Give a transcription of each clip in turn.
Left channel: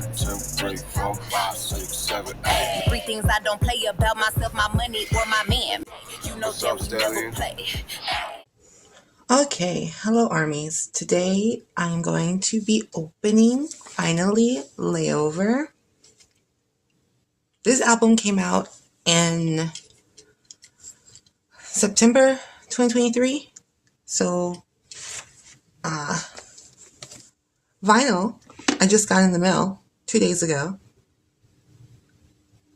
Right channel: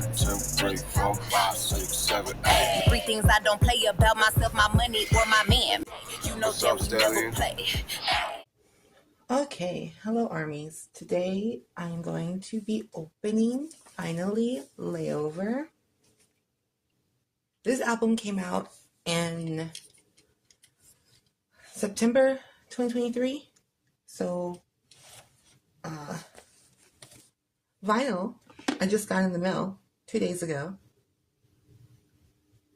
1, 2, 3, 4, 5, 6, 7, 8. 3 things I don't play about myself, my money, or my man. You know that we never play. Okay, hello armies. Today I'm going to be opening Finally Layover. This album came out in September 2023. So vinyl I just got in the mail 2 days ago.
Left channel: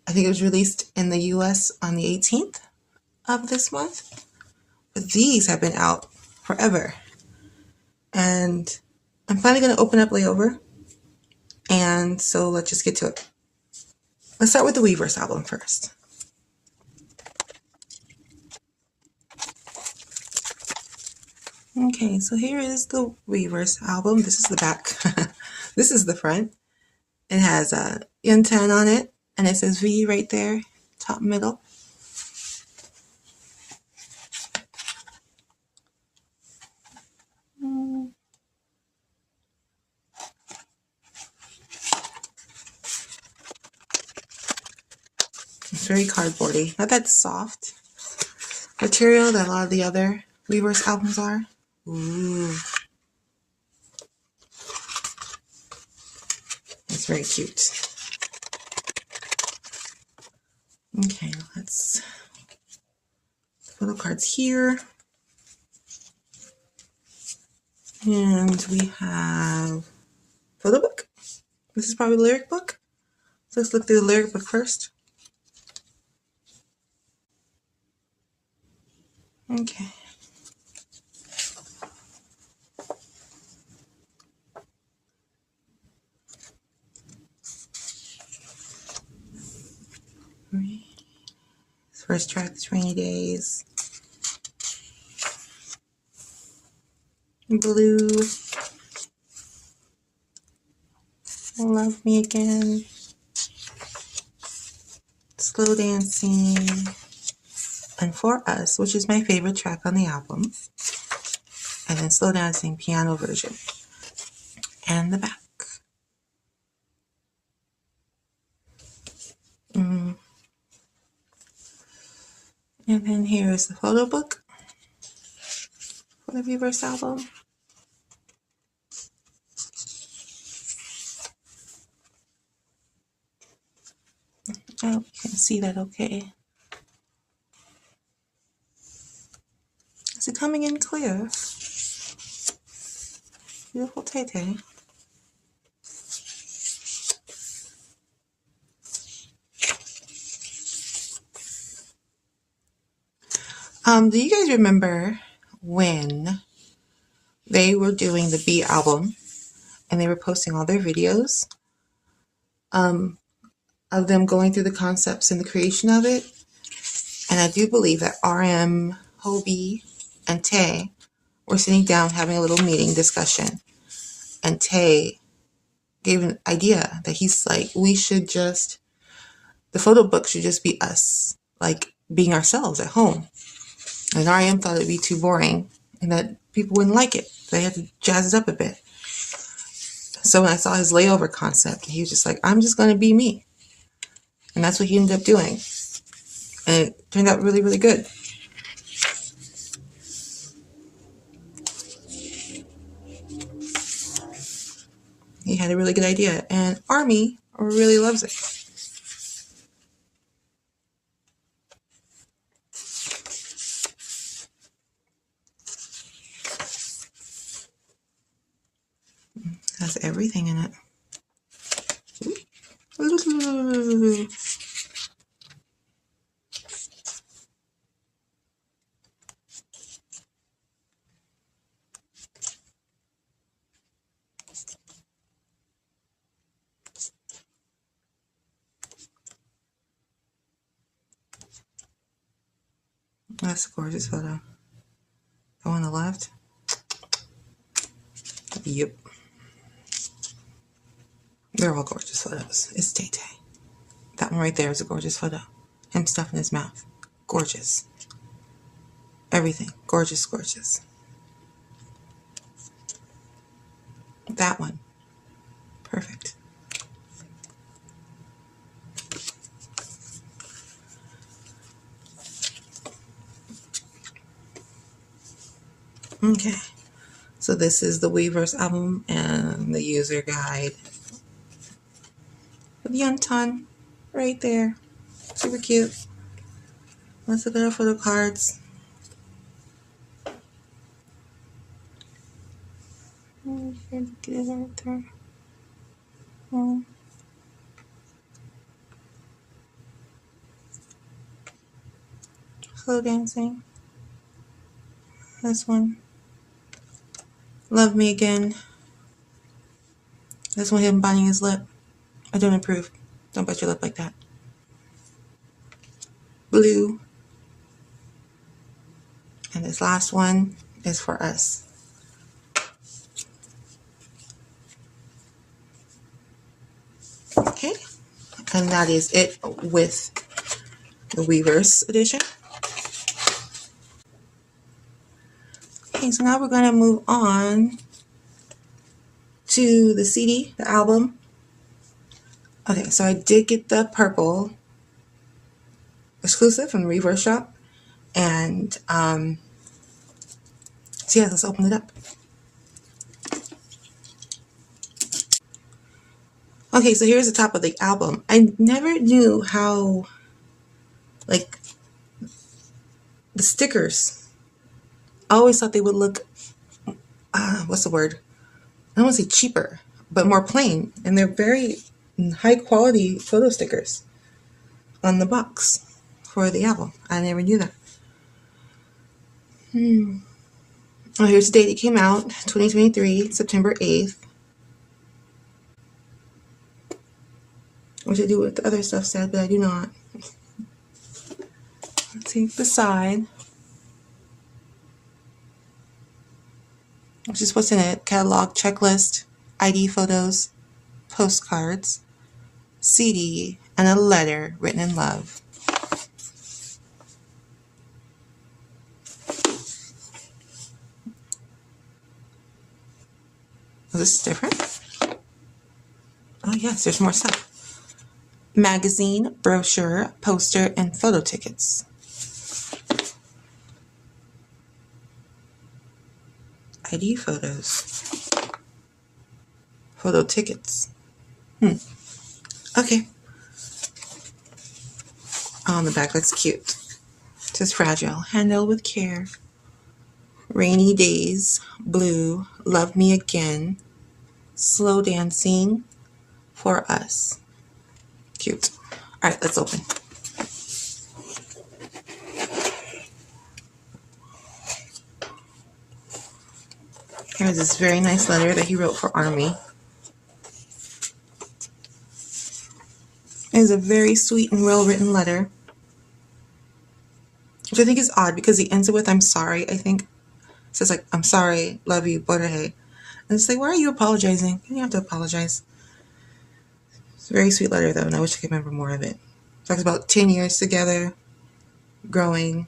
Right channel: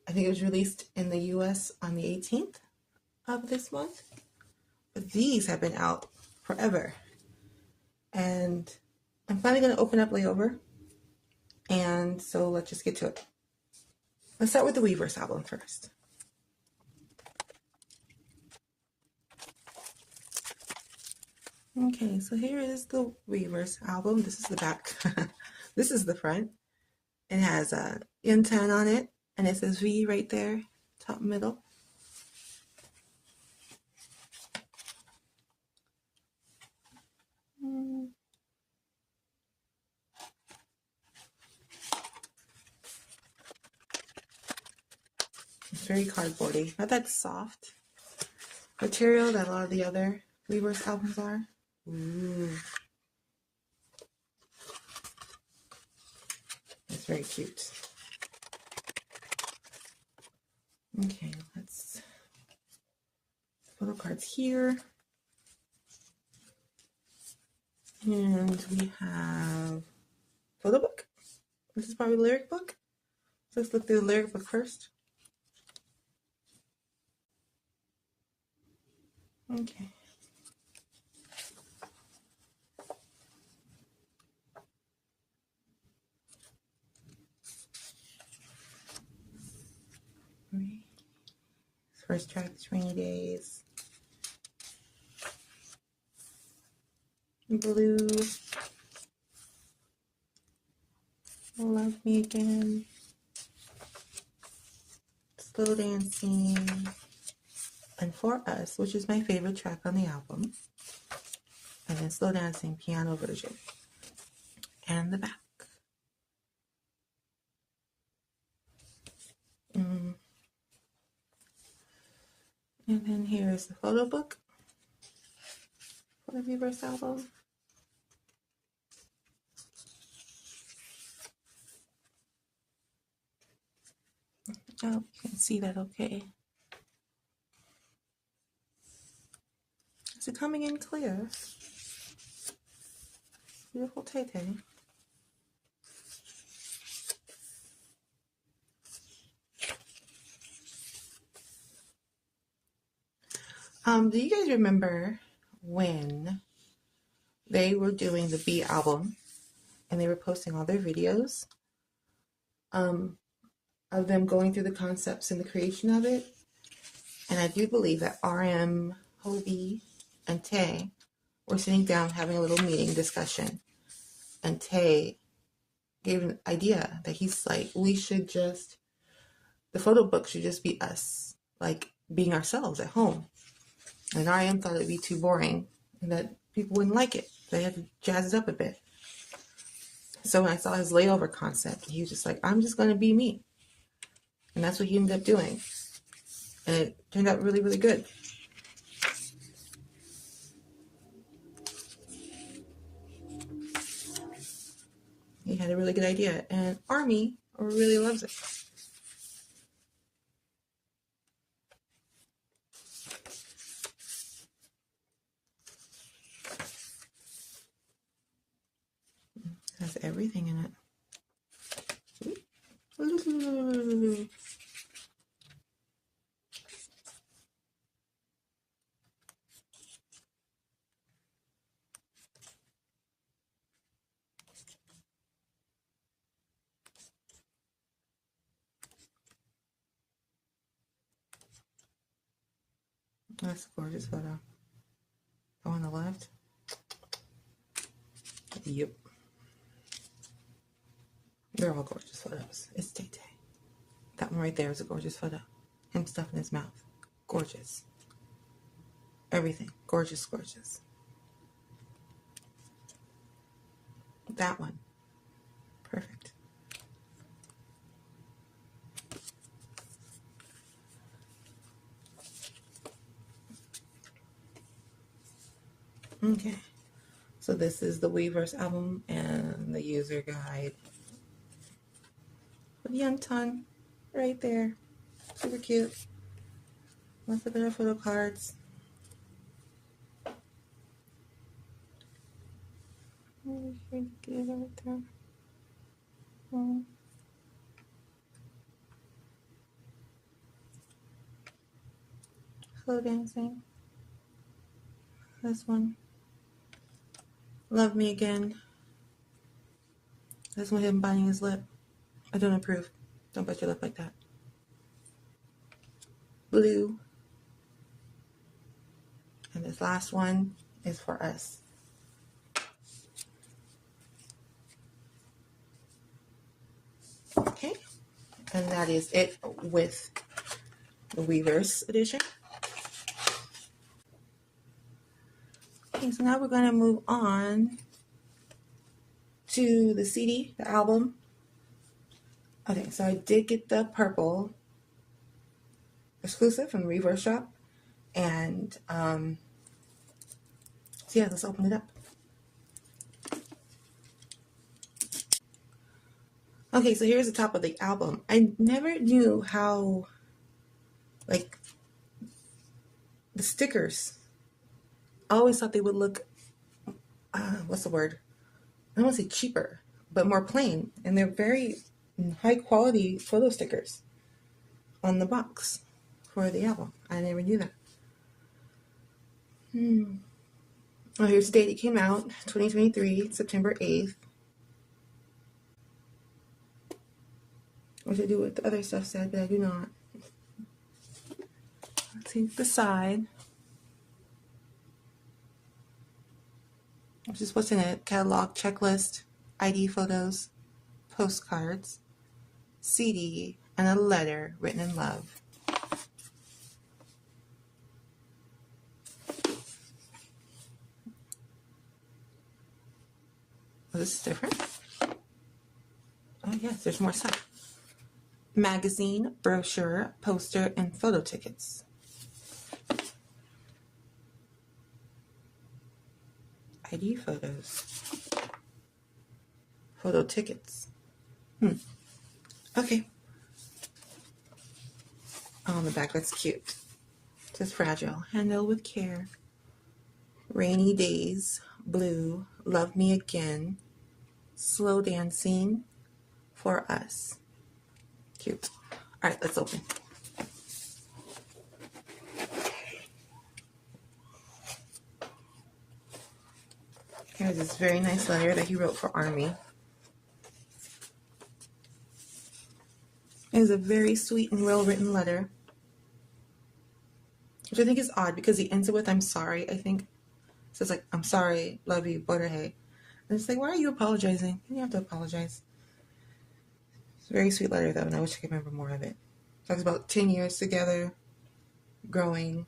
I think it was released in the US on the 18th of this month. But these have been out forever. And I'm finally going to open up Layover. And so let's just get to it. Let's start with the Weverse album first. Okay, so here is the Weverse album. This is the back. This is the front. It has a N10 on it, and it says V right there, top middle. It's very cardboardy. Not that soft material that a lot of the other Weverse albums are. Ooh. It's very cute. Okay, let's photo cards here. And we have photo book. This is probably the lyric book. So let's look through the lyric book first. Okay. First track is Rainy Days. Blue. Love Me Again. Slow Dancing. And For Us, which is my favorite track on the album. And then Slow Dancing piano version. And the back. And then here is the photo book for the Weverse album. I hope you can see that okay. Is it coming in clear? Beautiful Tay-Tay. Do you guys remember when they were doing the B album and they were posting all their videos of them going through the concepts and the creation of it? And I do believe that RM, Hobie, and Tay were sitting down having a little meeting discussion. And Tay gave an idea that he's like, we should just, the photo book should just be us, like being ourselves at home. And RM thought it'd be too boring and that people wouldn't like it. They had to jazz it up a bit. So when I saw his Layover concept, he was just like, I'm just going to be me. And that's what he ended up doing. And it turned out really, really good. He had a really good idea. And Army really loves it. Has everything in it. That's a gorgeous photo. The one on the left? Yep. They're all gorgeous photos. It's Tay-Tay. That one right there is a gorgeous photo. Him stuffing his mouth. Gorgeous. Everything. Gorgeous, gorgeous. That one. Perfect. Okay, so this is the Weverse album and the user guide with Yuntan right there. Super cute. Let's look at our photo cards. Slow dancing. This one. Love Me Again. This one, him biting his lip. I don't approve. Don't bite your lip like that. Blue. And this last one is for us. Okay. And that is it with the Weverse edition. Okay, so now we're going to move on to the CD, the album. Okay, so I did get the purple exclusive from the Reverse Shop. And so yeah, let's open it up. Okay, so here's the top of the album. I never knew how, like, the stickers, I always thought they would look, what's the word? I don't want to say cheaper, but more plain. And they're very high quality photo stickers on the box for the album. I never knew that. Oh, here's the date it came out, 2023, September 8th. Which I do what the other stuff said, but I do not. Let's take the side. Which is what's in it. Catalog, checklist, ID photos, postcards, CD, and a letter written in love. Oh, this is different? Oh yes, there's more stuff. Magazine, brochure, poster, and photo tickets. ID photos. Photo tickets. Okay. Oh, on the back, that's cute. It says fragile. Handle with care. Rainy days. Blue. Love me again. Slow dancing. For us. Cute. All right, let's open. Here's this very nice letter that he wrote for Army. It is a very sweet and well-written letter, which I think is odd because he ends it with, I'm sorry, I think. It says, like, I'm sorry, love you, Bordehe. And it's like, why are you apologizing? You don't have to apologize. It's a very sweet letter, though, and I wish I could remember more of it. It talks about 10 years together, growing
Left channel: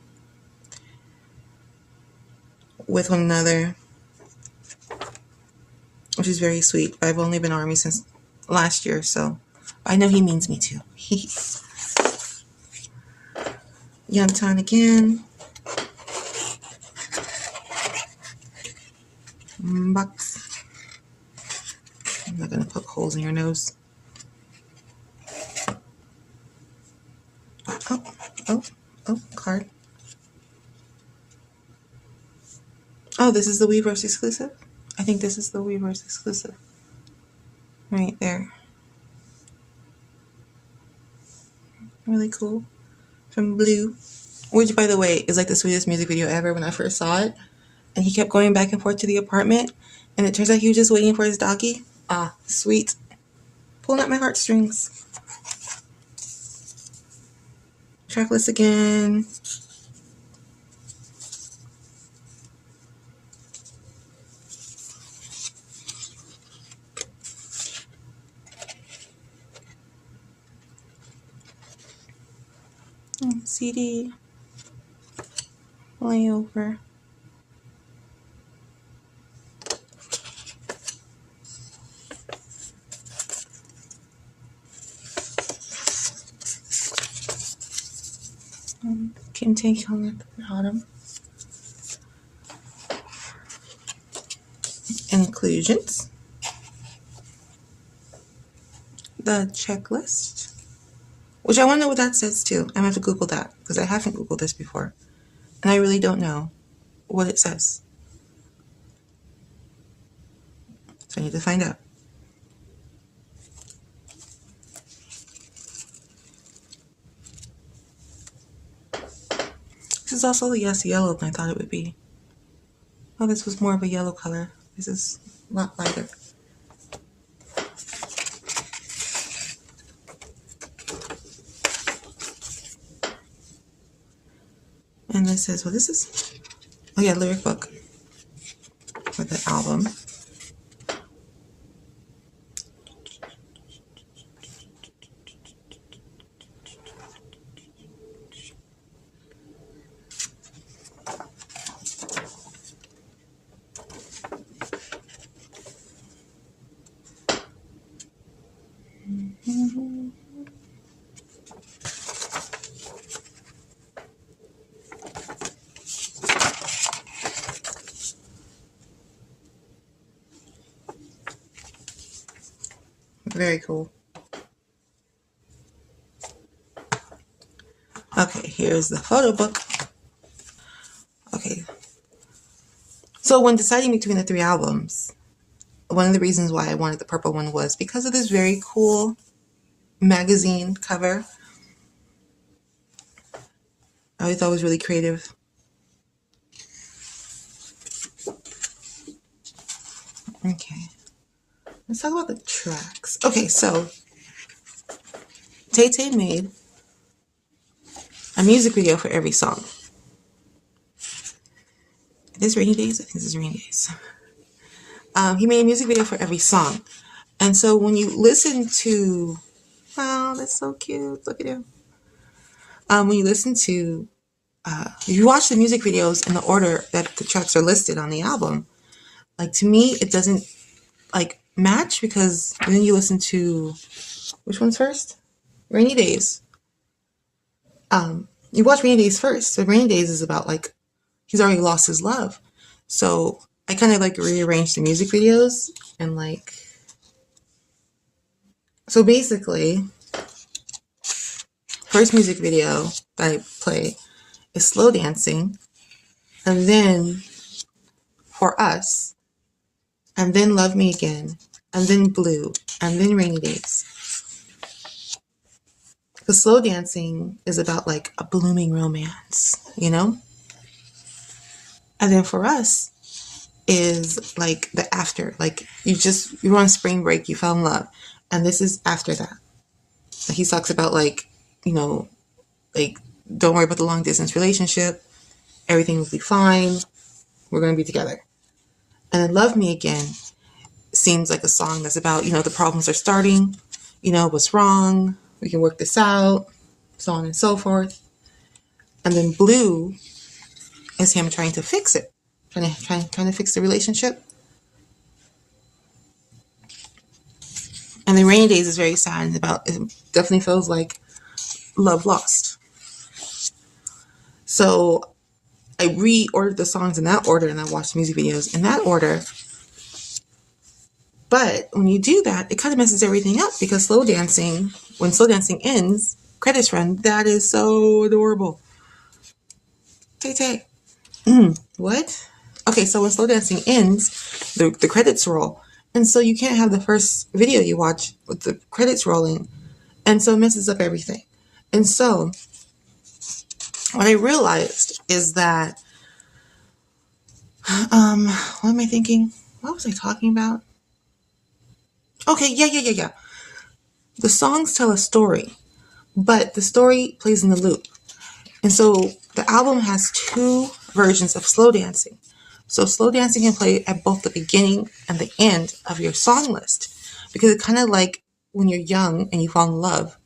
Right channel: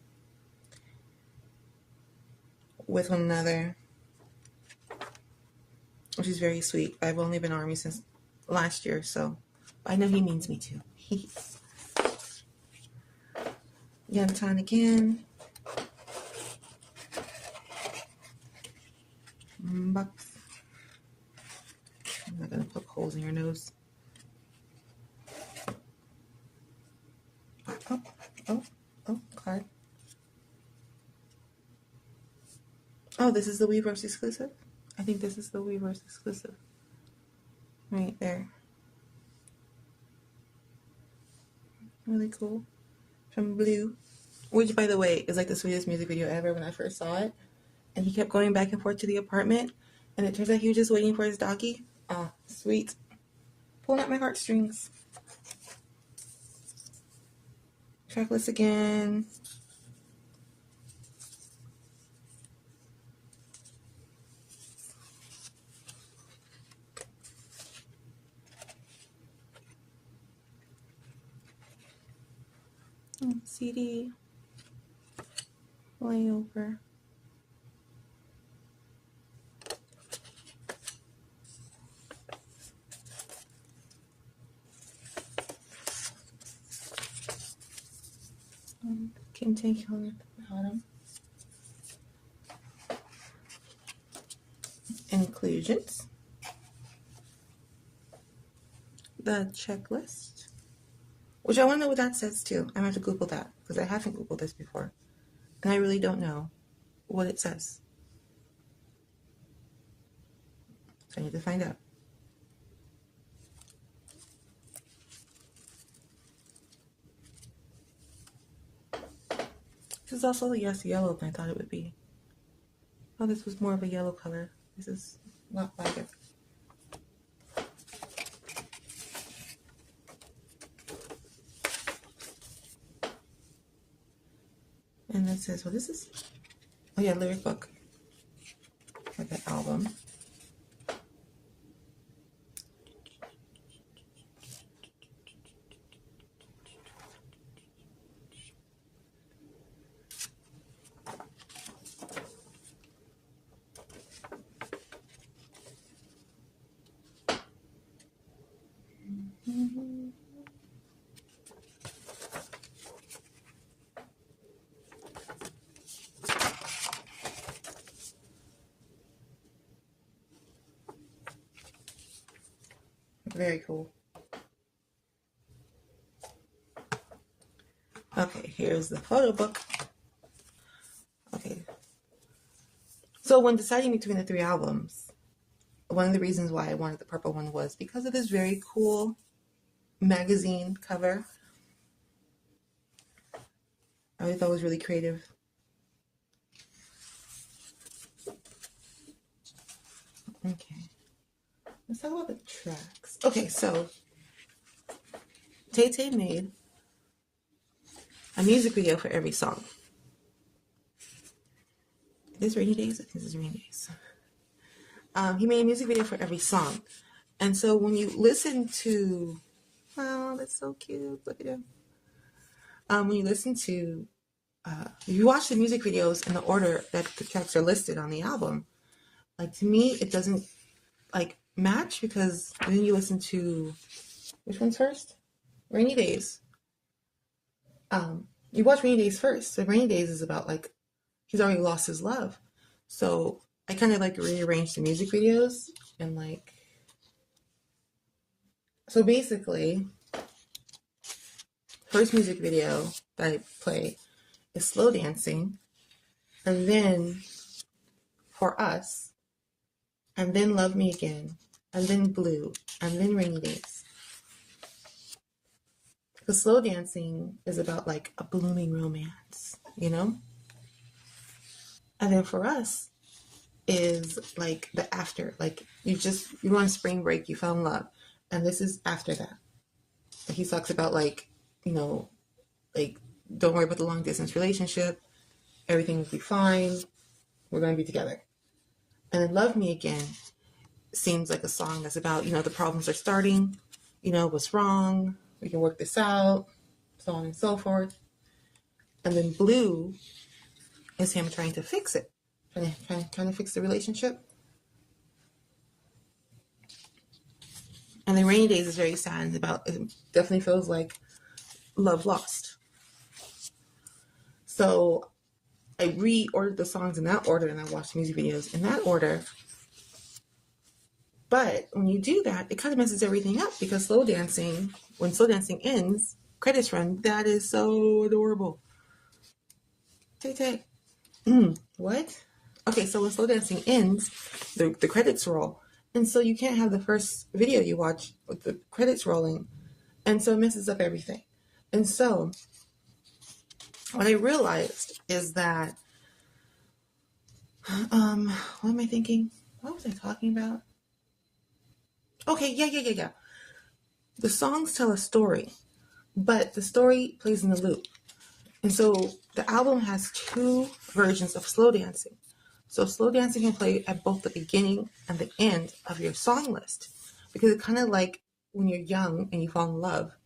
with one another, which is very sweet. I've only been Army since last year, so I know he means me too. Yuntan again. Box. I'm not going to poke holes in your nose. Oh, card. Oh, this is the Weverse exclusive? I think this is the Weverse exclusive. Right there. Really cool. From Blue. Which, by the way, is like the sweetest music video ever when I first saw it. And he kept going back and forth to the apartment. And it turns out he was just waiting for his doggy. Ah, sweet. Pulling at my heartstrings. Tracklist again. CD. Layover. Can take on at the bottom. conclusions, the checklist, which I want to know what that says too. I'm going to have to Google that because I haven't Googled this before. And I really don't know what it says. So I need to find out. This is also the yes yellow than I thought it would be. Oh, this was more of a yellow color. This is a lot lighter. And this is, oh yeah, lyric book for the album. Very cool. Okay, here's the photo book. Okay. So when deciding between the 3 albums, one of the reasons why I wanted the purple one was because of this very cool magazine cover. I thought it was really creative. Okay. Let's talk about the tracks. Okay, so Tay Tay made a music video for every song. It is Rainy Days? I think this is Rainy Days. He made a music video for every song. And so when you listen to, wow, that's so cute. Look at him. When you listen to, if you watch the music videos in the order that the tracks are listed on the album, like to me, it doesn't like match because then you listen to, which one's first? Rainy Days. You watch Rainy Days first. So Rainy Days is about like, he's already lost his love. So I kind of like rearranged the music videos and like, so basically, first music video that I play is Slow Dancing, and then For Us, and then Love Me Again, and then Blue, and then Rainy Days. Because Slow Dancing is about like a blooming romance, you know? And then For Us is like the after, like you were on spring break, you fell in love. And this is after that. He talks about like, you know, like, don't worry about the long distance relationship. Everything will be fine. We're going to be together. And then Love Me Again seems like a song that's about, you know, the problems are starting, you know, what's wrong. We can work this out, so on and so forth. And then Blue is him trying to fix it, trying to fix the relationship. And then Rainy Days is very sad and about, it definitely feels like love lost. So I reordered the songs in that order and I watched the music videos in that order. But when you do that, it kind of messes everything up because when Slow Dancing ends, credits run. That is so adorable. Tay Tay. What? Okay, so when Slow Dancing ends, the credits roll. And so you can't have the first video you watch with the credits rolling. And so it messes up everything. And so what I realized is that, what am I thinking? What was I talking about? Okay, yeah. The songs tell a story, but the story plays in the loop. And so the album has 2 versions of Slow Dancing. So Slow Dancing can play at both the beginning and the end of your song list. Because it's kind of like when you're young and you fall in love,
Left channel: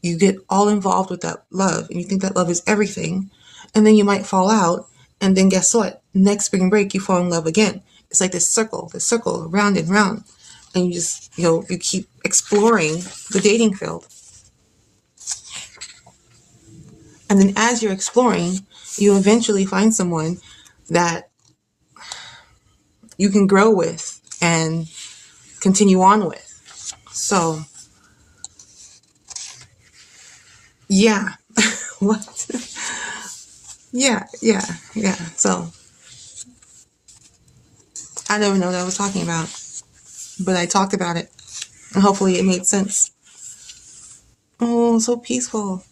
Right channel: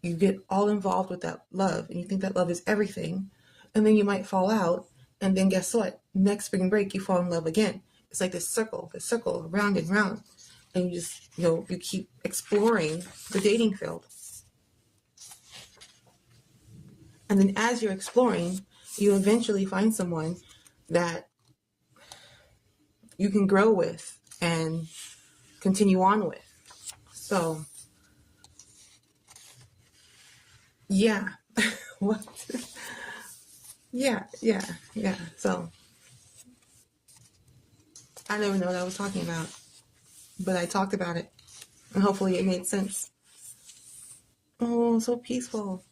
you get all involved with that love and you think that love is everything. And then you might fall out. And then guess what? Next spring break, you fall in love again. It's like this circle, round and round. And you just, you keep exploring the dating field. And then as you're exploring, you eventually find someone that you can grow with and continue on with. So, yeah. What? Yeah. So, I don't even know what I was talking about, but I talked about it, and hopefully it made sense. Oh, so peaceful.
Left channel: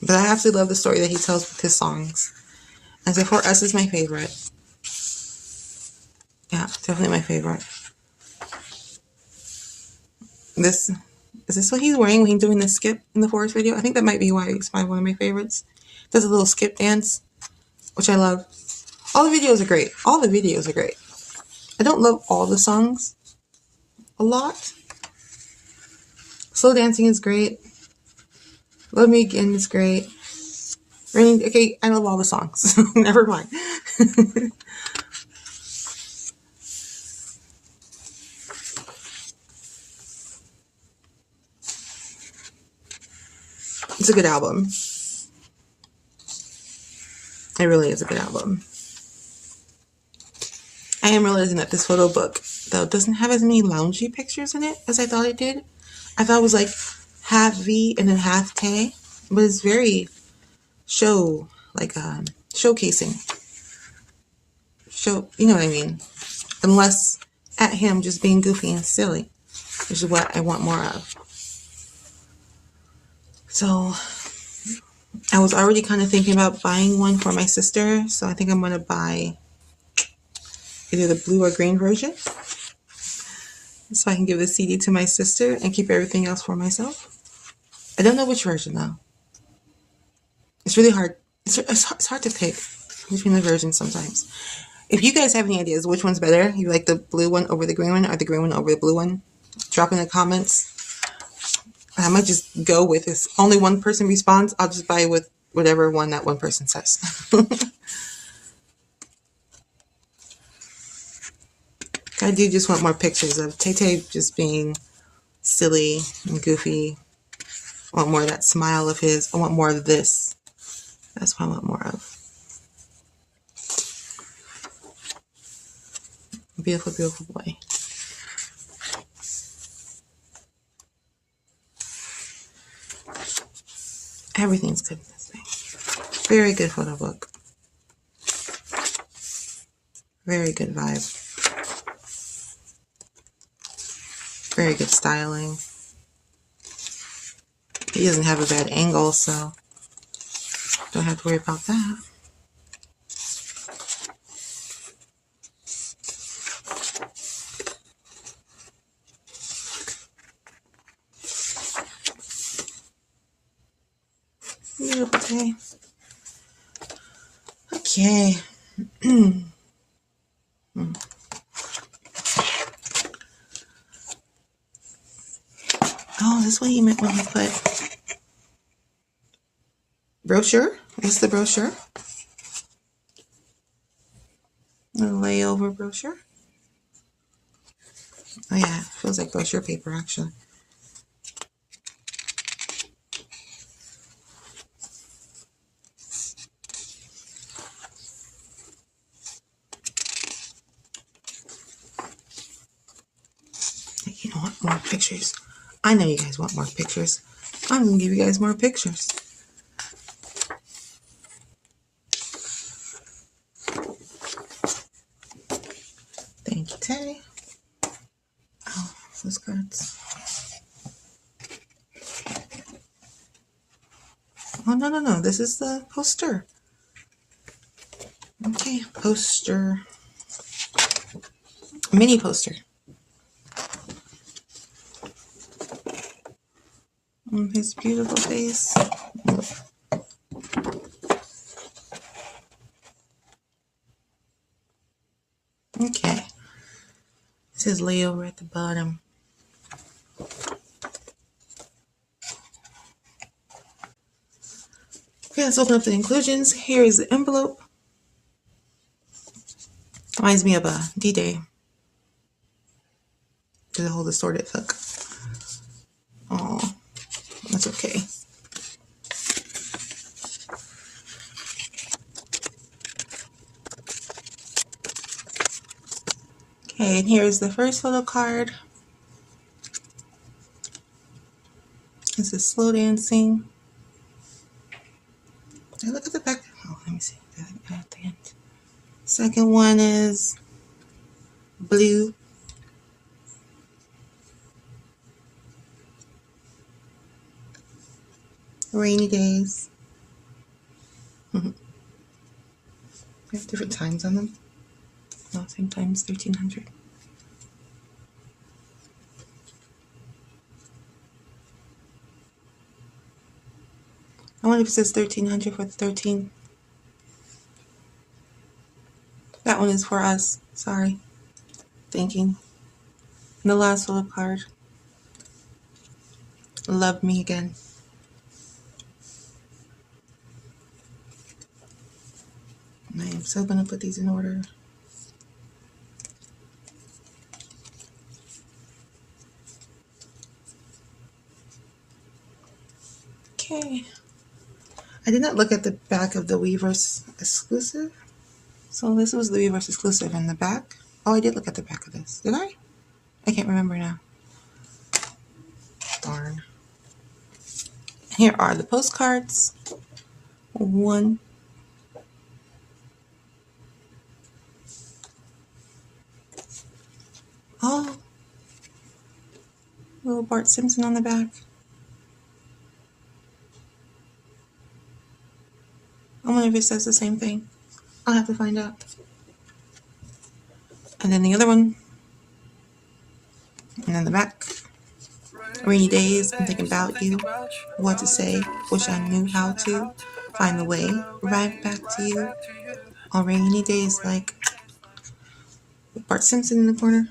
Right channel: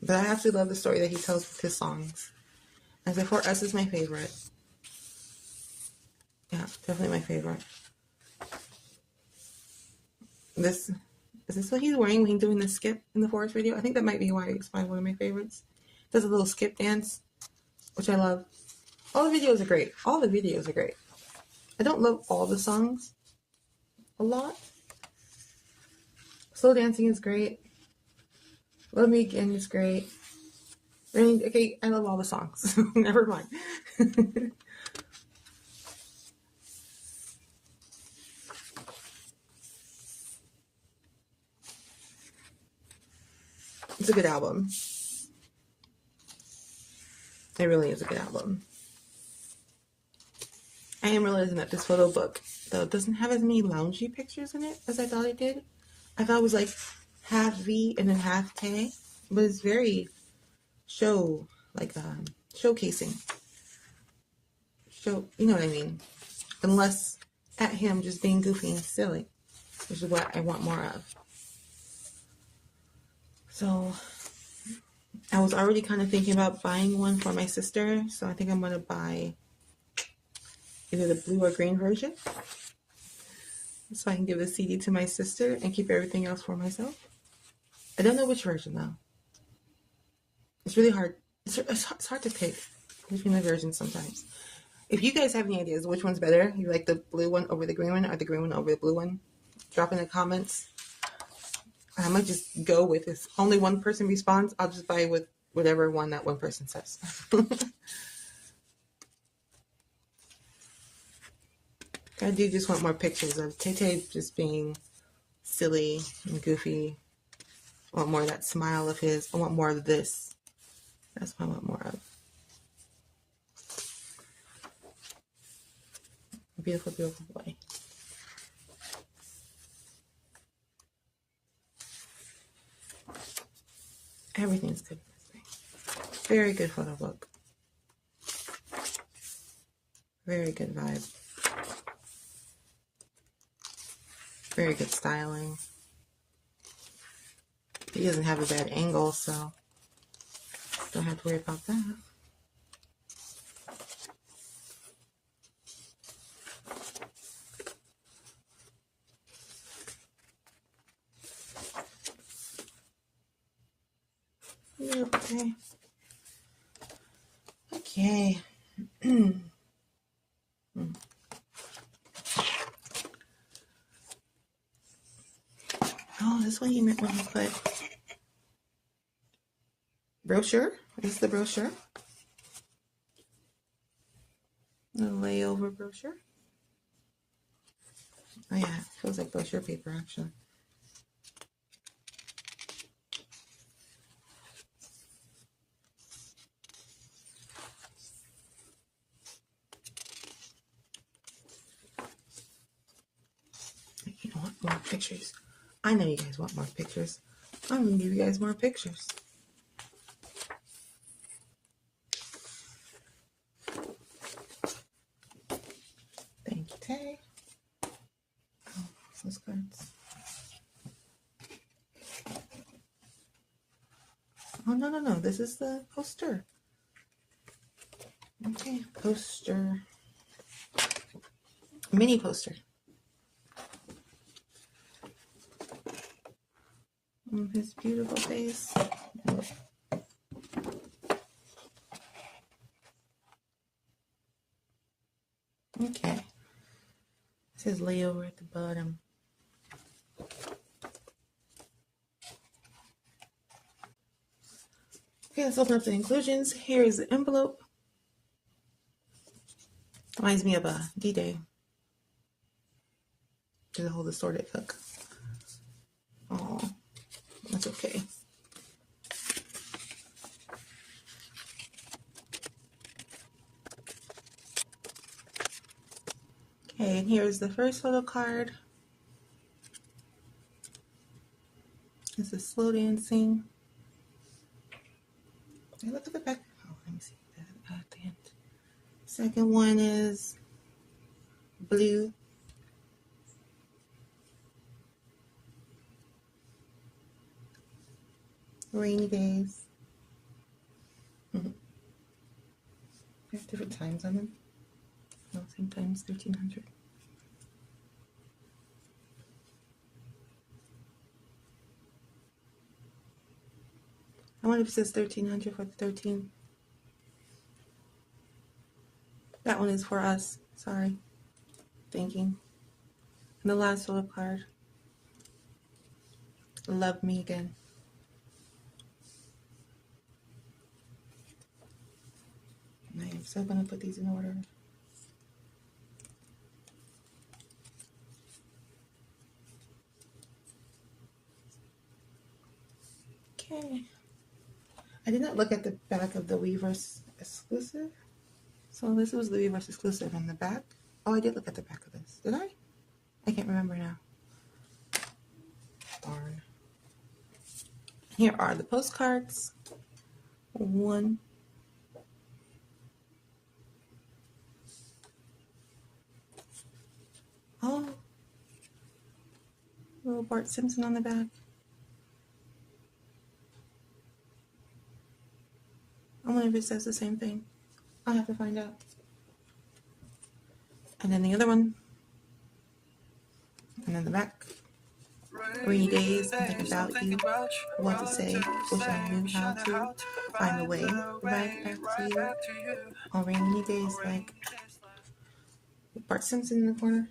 But I absolutely love the story that he tells with his songs. And so For Us is my favorite. Yeah, definitely my favorite. This is this what he's wearing when he's doing the skip in the forest video? I think that might be why it's one of my favorites. Does a little skip dance, which I love. All the videos are great. All the videos are great. I don't love all the songs a lot. Slow Dancing is great. Love Me Again is great. Raining, okay, I love all the songs. Never mind. It's a good album. It really is a good album. I am realizing that this photo book, though, doesn't have as many loungy pictures in it as I thought it did. I thought it was like half V and then half Tay, but it's very showcasing. You know what I mean? Unless at him just being goofy and silly, which is what I want more of. So I was already kind of thinking about buying one for my sister, so I think I'm going to buy either the blue or green version, so I can give the CD to my sister and keep everything else for myself. I don't know which version though. It's really hard. It's hard to pick between the versions sometimes. If you guys have any ideas which one's better, you like the blue one over the green one or the green one over the blue one, drop in the comments. I might just go with this. Only one person responds. I'll just buy with whatever one that one person says. I do just want more pictures of Tay just being silly and goofy. I want more of that smile of his. I want more of this. That's what I want more of. Beautiful, beautiful boy. Everything's good in this thing. Very good photo book. Very good vibe. Very good styling. He doesn't have a bad angle, so don't have to worry about that. Beautiful day. Okay. Oh, this is what he meant when he put brochure. This is the brochure. The layover brochure. Oh yeah, it feels like brochure paper actually. You know what? More pictures. I know you guys want more pictures. I'm gonna give you guys more pictures. Thank you, Tay. Oh, those cards. Oh, no. This is the poster. Okay, poster. Mini poster. His beautiful face. Okay. It says layover at the bottom. Okay, let's open up the inclusions. Here is the envelope. Reminds me of a D-Day. The whole distorted hook. Oh, that's okay. Okay, and here's the first photo card. This is Slow Dancing. Did I look at the back? Oh, let me see. At the end. Second one is Blue. Rainy Days. We have different times on them. No, same times, 1300. I wonder if it says 1300 for the 13. That one is for us. Sorry. Thinking. And the last little card. Love Me Again. I am so going to put these in order. Okay. I did not look at the back of the Weverse exclusive. So this was the Weverse exclusive in the back. Oh, I did look at the back of this. Did I? I can't remember now. Darn. Here are the postcards. One. Oh. Little Bart Simpson on the back. I wonder if it says the same thing. I'll have to find out. And then the other one. And then the back. Rainy days, I'm thinking about you. What to say, wish I knew how to find the way right back to you. On rainy days, like Bart Simpson in the corner.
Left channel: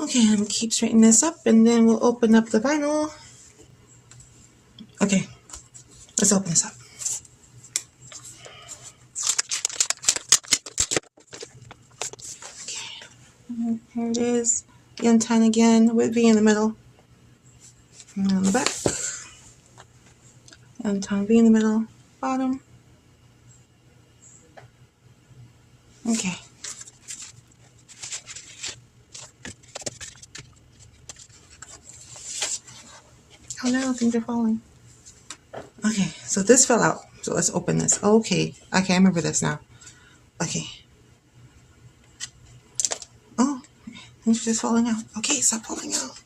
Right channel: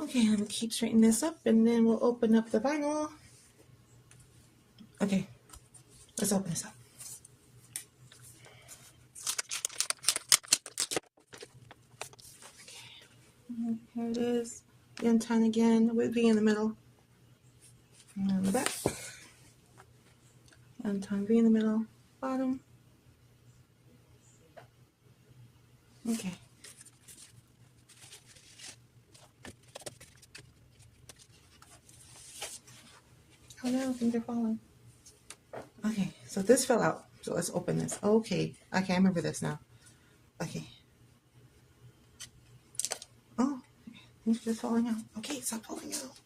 Okay, I'm gonna keep straightening this up and then we'll open up the vinyl. Okay, let's open this up. Okay, here it is. Yen Tan again with V in the middle. And on the back. Yen Tan V in the middle, bottom. Okay. Oh no, things are falling. Okay, so this fell out. So let's open this. Okay, I remember this now. Okay. Oh, things are just falling out. Okay, stop falling out.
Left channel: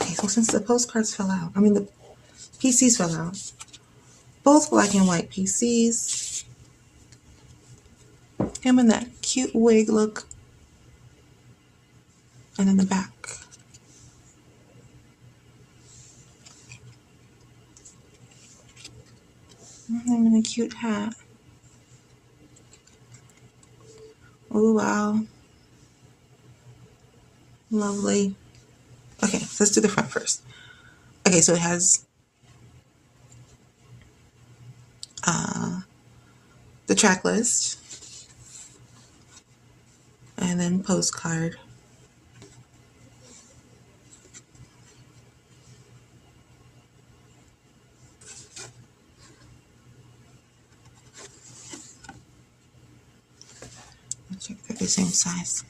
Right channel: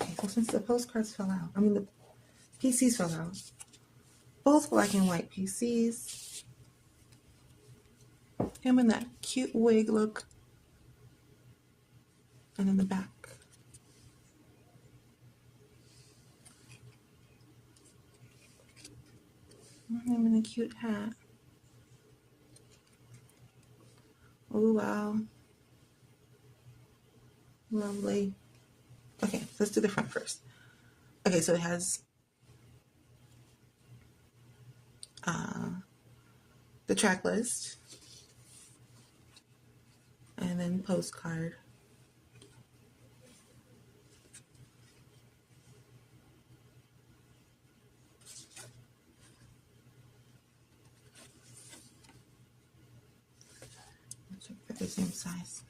Okay, so since the postcards fell out, the PCs fell out. Both black and white PCs. Him in that cute wig look. And in the back. Him in a cute hat. Oh, wow. Lovely. Okay, so let's do the front first. Okay, so it has the track list. And then postcard. Let's check they're the same size.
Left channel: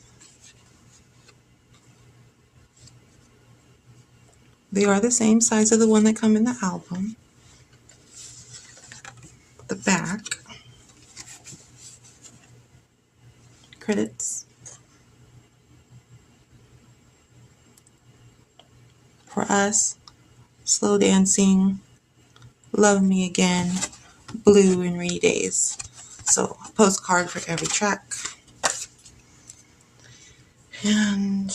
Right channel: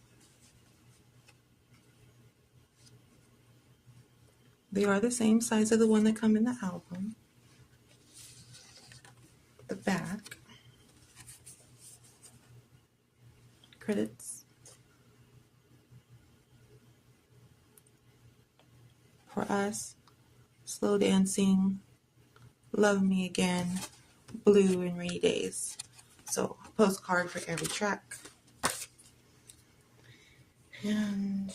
They are the same size of the one that come in the album. The back. Credits. For Us, Slow Dancing, Love Me Again, Blue, and Rainy Days. So a postcard for every track. And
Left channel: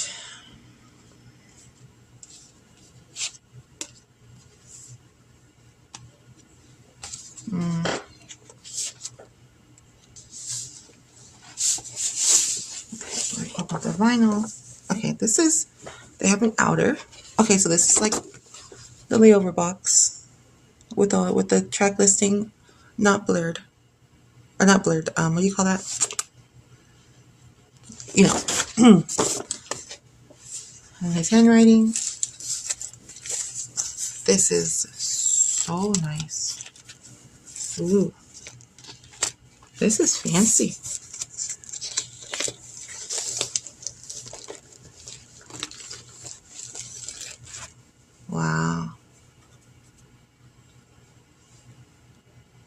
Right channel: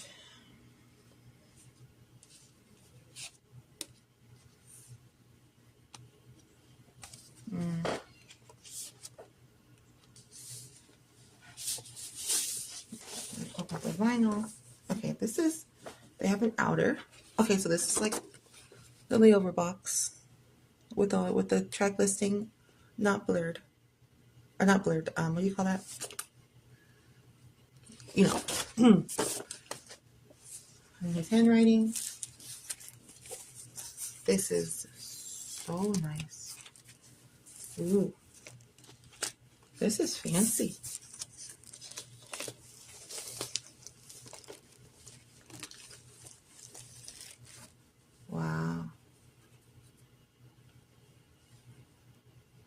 open the vinyl. Okay, they have an outer. Okay, so this is like the layover box with the track listing not blurred. Or not blurred, what do you call that? You know. And his handwriting. This is so nice. Ooh, this is fancy. Wow.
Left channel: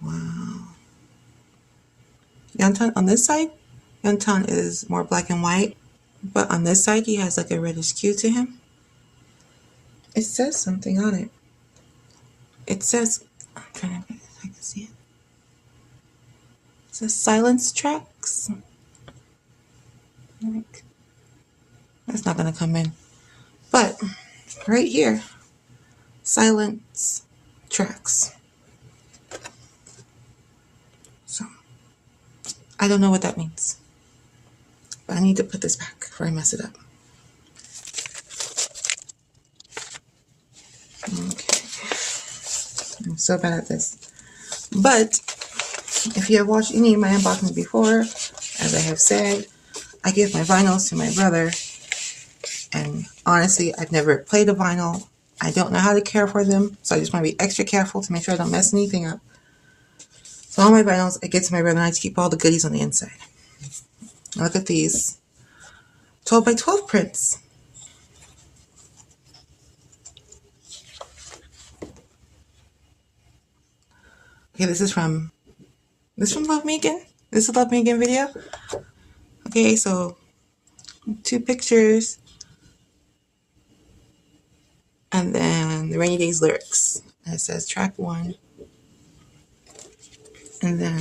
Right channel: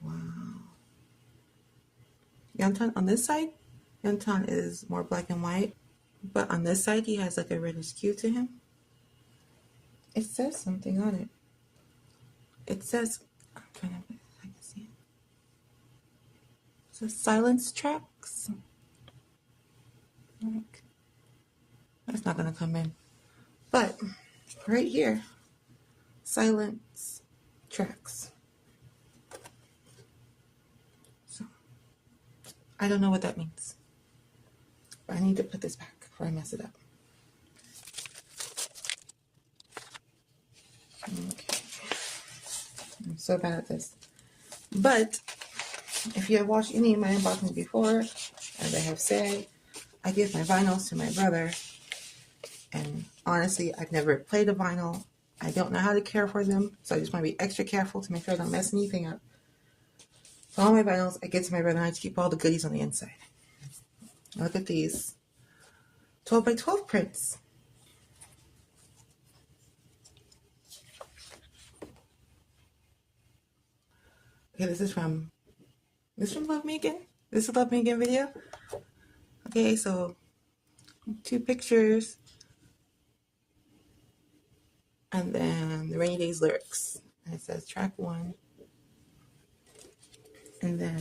Wow. Yantan on this side, Yantan is more black and white, but on this side he has like a reddish hue to him. It says something on it. It says, I'm trying to think if I can see it. It says silence tracks. It's not gonna come in. But right here, silence tracks. So I don't know what that means, but I need to put this back before I mess it up. Okay, I'm so bad at this. But if you have watched any of my unboxings before, as I have said, I give my vinyls to my brother, and honestly, I've never played a vinyl. I don't know how to care for them, so I just want to be extra careful to make sure I don't mess anything up. So all my vinyls, I get to my brother and I keep all the goodies on the inside. Look at these 12 by 12 prints. Okay, this is from Love Megan. This is Love Megan video. Okay, so 2 pictures. And then the Rainy Days lyrics. And it says track 1. And then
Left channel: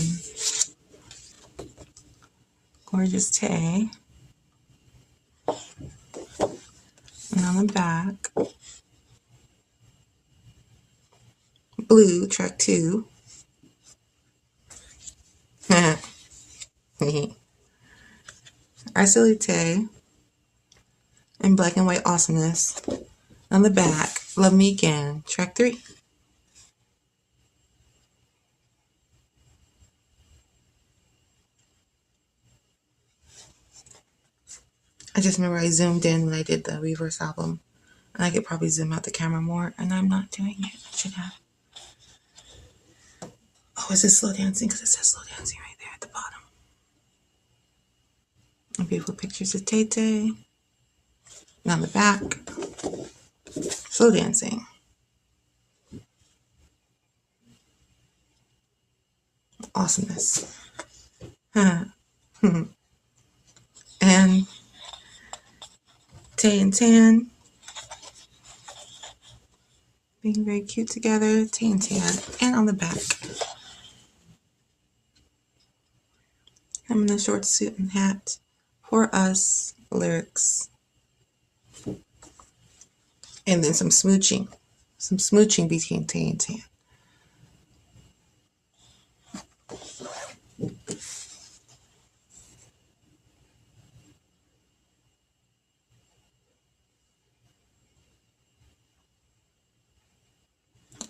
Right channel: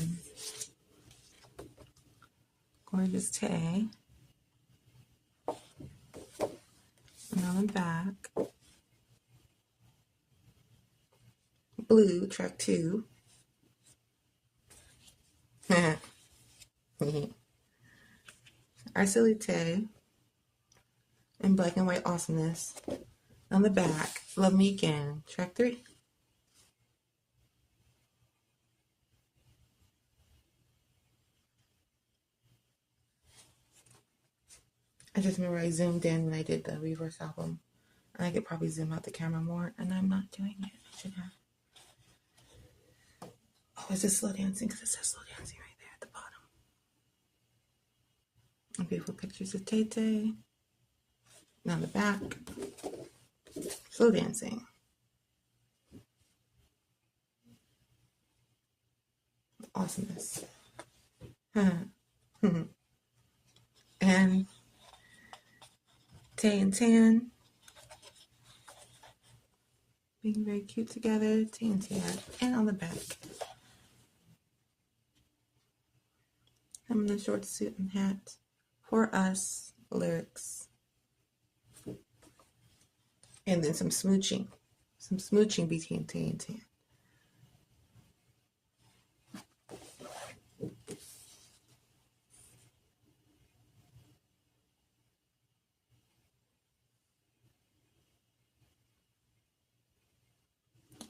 Gorgeous Tay. And on the back, Blue, track 2. Arcelite and Black and White Awesomeness. On the back, Love Me Again, track 3. I just remember I zoomed in when I did the Reverse album. And I could probably zoom out the camera more, and I'm not doing it. I should have. Oh, is this slow dancing? Because it says slow dancing right there at the bottom. And beautiful pictures of Tay Tay. And on the back, slow dancing. Awesomeness. And Tay and Tan being very cute together. Tay and Tan. And on the back, him in a short suit and hat. For Us lyrics. And then some smooching. Some smooching between Tay and Tan.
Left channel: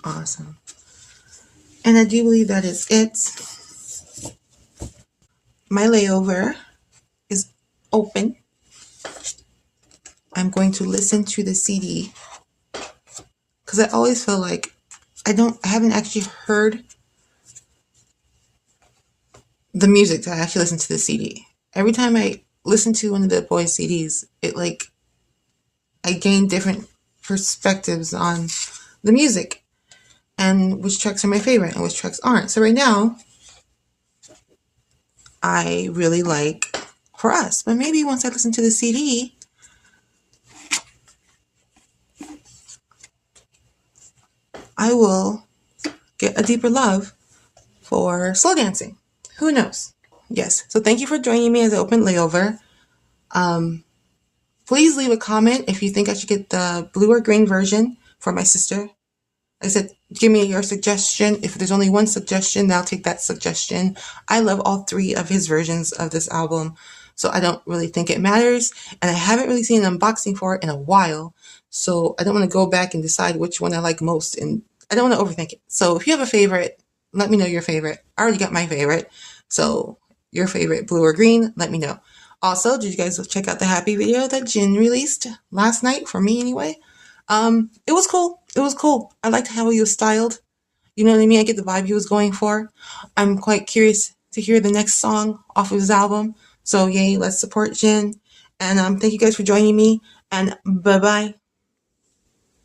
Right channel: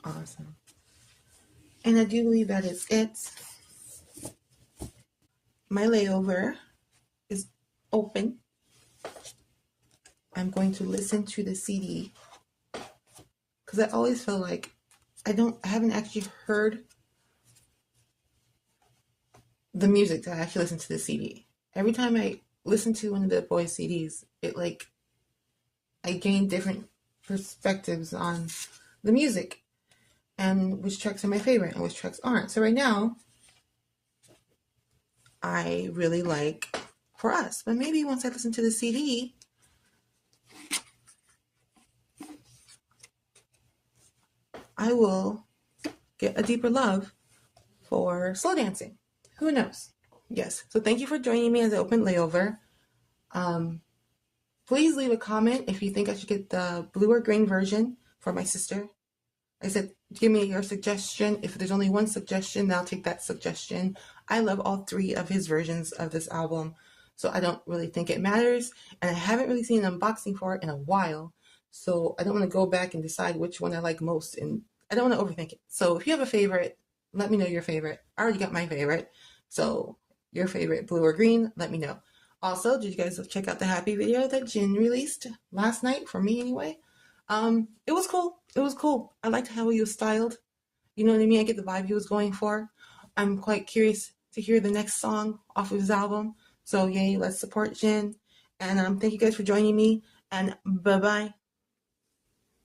Awesome. And I do believe that is it. My layover is open. I'm going to listen to the CD because I always feel like I haven't actually heard the music that I actually listen to the CD. Every time I listen to one of the boys' CDs, I gain different perspectives on the music and which tracks are my favorite and which tracks aren't. So right now, I really like For Us, but maybe once I listen to the CD, I will get a deeper love for slow dancing. Who knows? Yes. So thank you for joining me as an open layover. Please leave a comment if you think I should get the blue or green version for my sister. I said, give me your suggestion. If there's only one suggestion, then I'll take that suggestion. I love all 3 of his versions of this album, so I don't really think it matters. And I haven't really seen an unboxing for it in a while, so I don't want to go back and decide which one I like most, and I don't want to overthink it. So if you have a favorite, let me know your favorite. I already got my favorite, so your favorite, blue or green, let me know. Also, did you guys check out the Happy video that Jin released last night, for me anyway? It was cool. It was cool. I liked how he was styled. You know what I mean? I get the vibe he was going for. I'm quite curious to hear the next song off of his album. So yay, let's support Jin. And thank you guys for joining me. And bye bye.